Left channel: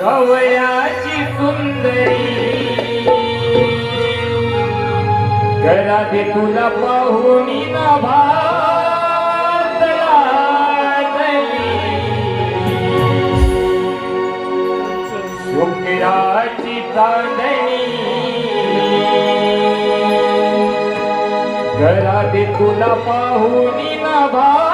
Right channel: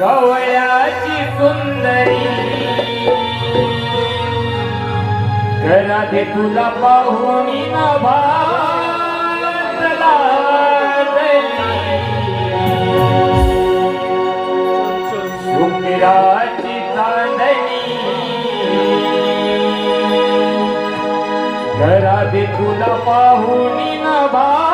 कवळ्याची सुंदरी. घरात तुला पाहुणी ना भा घरा देखून पाहुणी ना भा